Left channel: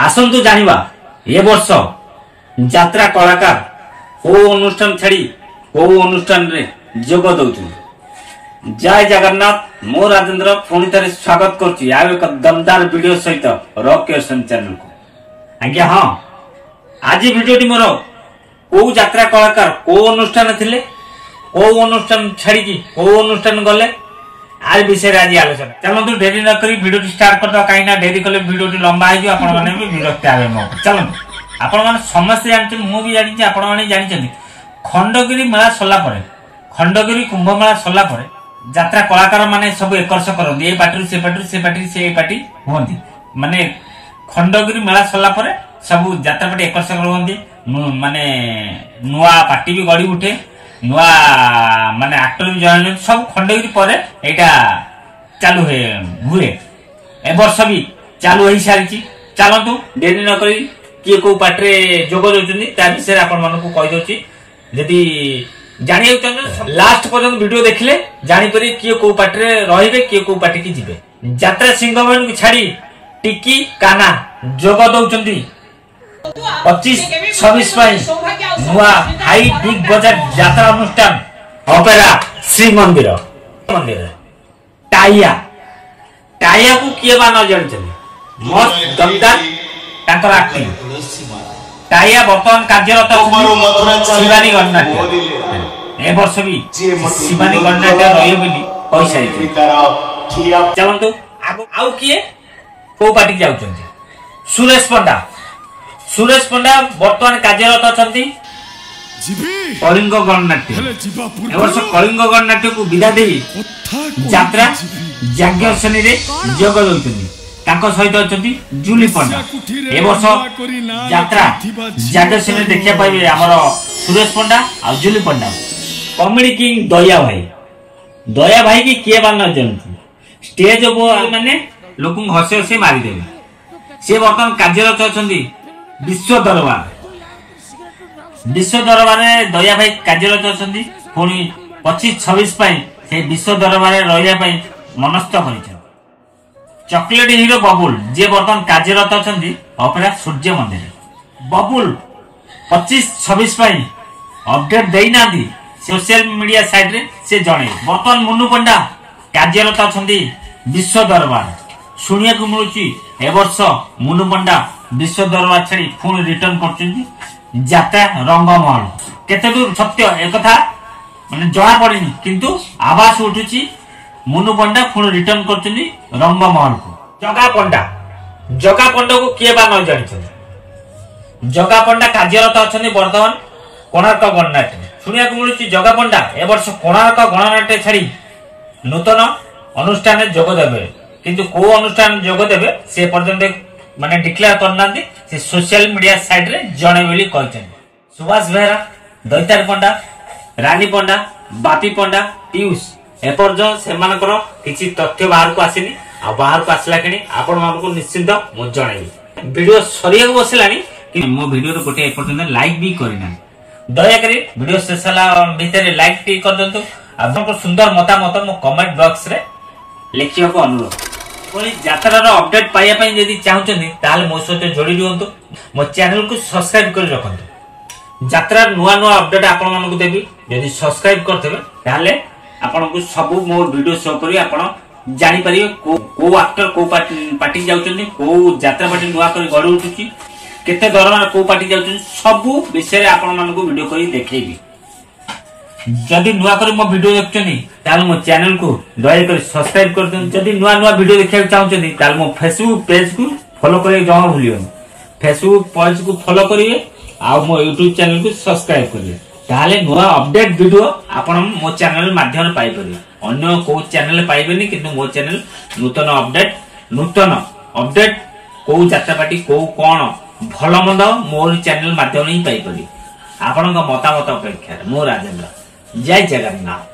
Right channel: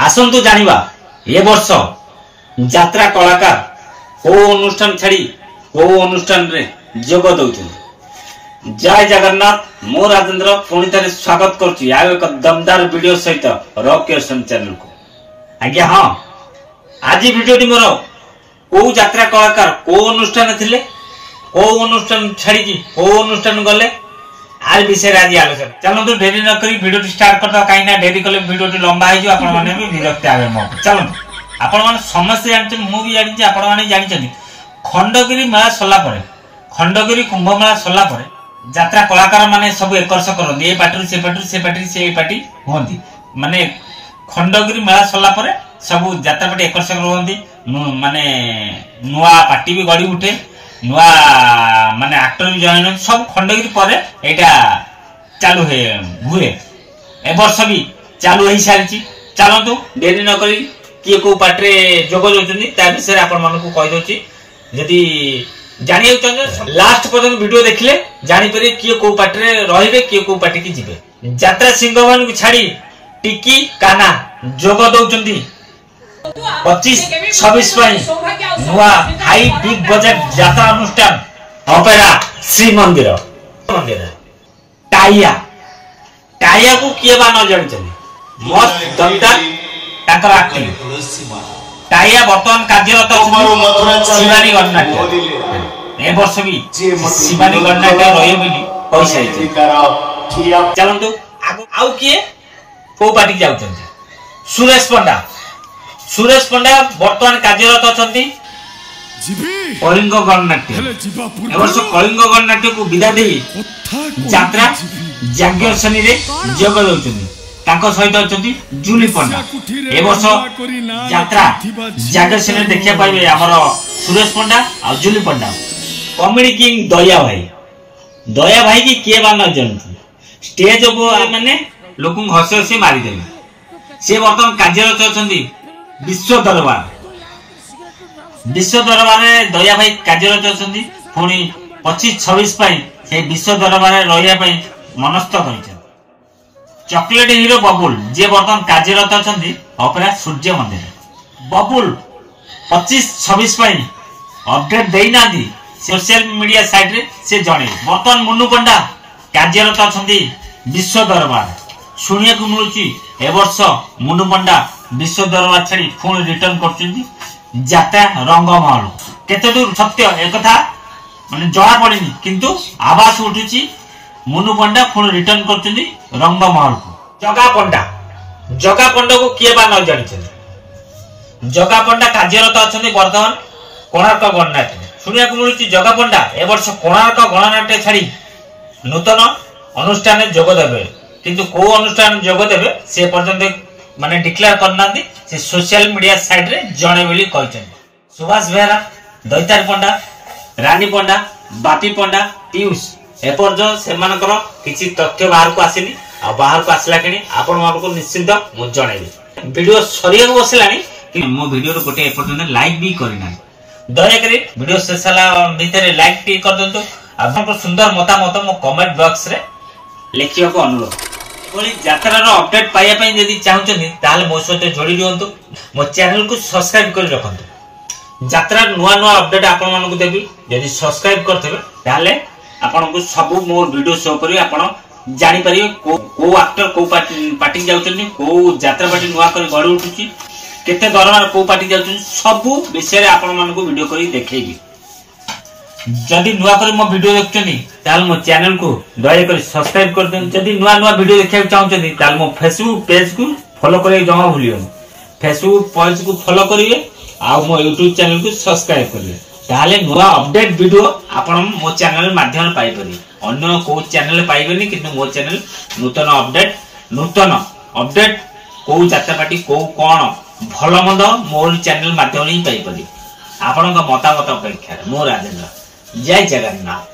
आसंतु जानिबा ए वर्ष यात्रा कलाकार को अनुष्ठान छाड़ी को अनुष्ठान रे जोग दउछु। जय जगन्नाथ मो राजेंद्र पुणी थे स्वागत करुच्ची आ एक दमदार वीडियो सहित रॉक क्रिएशन चैनल को। आज्ञा हाँ आज वीडियोटी मोर को यात्रा कलाकार को अनुष्ठान थिले को अनुष्ठान छाड़ी को अनुष्ठान गले आर विषय आज आलोचना। चलतु डेरी न करी वीडियो स्टार्ट करता कहीं ना डेरी कले वीडियो लंबा हो जाए आपण माने भी विरक्त आवे मो। चलतु आपण माने समस्त जानते मु भी जानि आपण माने जानि खंडगिरी मेला सरला परे खंडगिरी कुंभ मेला सरला परे यात्रा कलाकार माने सब एकर्ष करती ए पार्टी से पार्टी से पार्टी से पार्टी होती माने खंडगिरी मेला सरला परे सब यात्रा पार्टी एकर्ष करती माने नुआ पार्टी भी गड़ी उठे नुआ माने एक्टर भी जॉइन सब खंडगिरी परे एटा चालू हुए ए वर्ष भी चालू हो सारी। चलतु डेरी न करी किए को पार्टी जोग दउछन्ती ता विषय आपण मानकु कहि दउची यदि जानिए चाहते लास्ट पर्यंत वीडियो देखले जानी परि किए को पार्टी रे रहिबे किए को पार्टी की जिबे। यात्रा सिंहभवन को छाड़ी टिकी काना जोग दउछन्ती 25-26 नुआ हाई बिग बजट यात्रा अनुष्ठान ऑपेरा श्री मंदिर मंदिर टाइया टाइया को किए बा न जानिछन्ती मस्त दमदार ताकर एक्टिंग टाइया वर्तमान कार्यरत शिवानी गणनाट्य ए वर्ष भी शिवानी गणनाट्य रही बोली पैसा। चलतु आउ किए को पार्टी जाउछन्ती सुरेश पंडा वर्तमान कार्यरत अछन्ती कलिंग गणनाट्य ए वर्ष कलिंग गणनाट्य को विदा दे यात्रा यज्ञसेनी रे जोग दउछन्ती तांको सहित अछन्ती जूली पंडा ए वर्ष यात्रा यज्ञसेनी देखिया पाइबे हमर सुरेश पंडा आ जूली पंडा। कॉमेडी किंग दया भाई की किए बा न जानती स्टेज माने लोक हसे हसे मारी देबे से वर्तमान कार्यरत अछन्ती विश्व दरबार दया भाई कार्यरत अछन्ती पुणी 25-26 से विश्व दरबार रहिया मनस्थ कर चॉकलेट हीरो बबुल जे वर्तमान कार्यरत अछन्ती ऑपेरा सूर्य मंदिर बबुल 25-26 अपडेट देना सोशल मीडिया साइड रे से जणे। वर्तमान मुन्नू पंडा कार्यरत अछन्ती विश्व दरबार सुनिया को मिलुची ए वर्ष मुन्नू पंडा विश्व दरबार छाड़ी पुणी रिटर्न करछन्ती यात्रा रंगमहल केते दूर सत्य एक कथा माने जणा पड़िनी किंतु आवाज उठुची मुन्नू पंडा पुणी रिटर्न करछन्ती रंगमहल को। जगा पंडा को किए बा न जानिछन्ती जगा पंडा कार्यरत अछन्ती वर्तमान कोणार्क गणनाट्य सुनिया को मिलुची जगा पंडा ए वर्ष कोणार्क गणनाट्य छाड़ी नूतन अनुष्ठान जोग देबे किंतु को अनुष्ठान जोग देबे से पर्यंत माने डिक्लेयर करना से सोशल मीडिया साइड रे जणे बोली कहछन। सुभाष बेहरा दैतार पंडा रानी पंडा बापी पंडा पीयूष एपर्ज से मानकर किछि तथ्य बाहर को आसीनी आ बाहर को आसला किनी आपण मानको निश्चित मु जणेबी। वीडियो सरिया बसलानी कि मो वीडियो रो गोटे एपर्यंत लाइक भी करिना दया करी वीडियो शेषला भीतर लाइक टी कर दंतु आपनको सुंदर मतामत मो कमेंट बॉक्स रे लिखियो को अनुरोध कोली यात्रार अपडेट पाइया पई यदि चाहुचनी ताल मो सहित जोड़ी दियंतु मो चैनल को सब्सक्राइब कर रखंतु यात्रा नुआ नुआ अपडेट आपण मानको देबी यदि सब्सक्राइब करथबे ताले आपनको सब मोर वीडियो शो करी आपण जानि परिबे को एक्टर को पार्टी जाउचनी को यात्रा पार्टी नुआ करी गड़ी उठुची केते दरमार को पार्टी जाउचनी सब विषय रे आपण मानको वीडियो करी देखेबी। जदि नुआ कर मो वीडियो देखछनी ताल मो चैनल को दया कर सब्सक्राइब कर देन। जदि नुआ नुआ वीडियो देखिया चाहछनी ताल मो फेसबुक पेज को फॉलो करे जमा भूलियोनी फेसबुक पेज को फॉलो करिवे आ मो YouTube चैनल को सब्सक्राइब करिवे ताले नुआ अपडेट वीडियो आपण मो चैनल माध्यम पाई परिवे अन्य को चैनल पाइबेनी किंतु मो चैनल नूतन अपडेट को यात्रा पार्टी को कोन भलो मंद मोर चैनल माध्यम ही पाई परिवे। आपन का मतामत अपेक्षा मो राजेंद्र जय जगन्नाथ।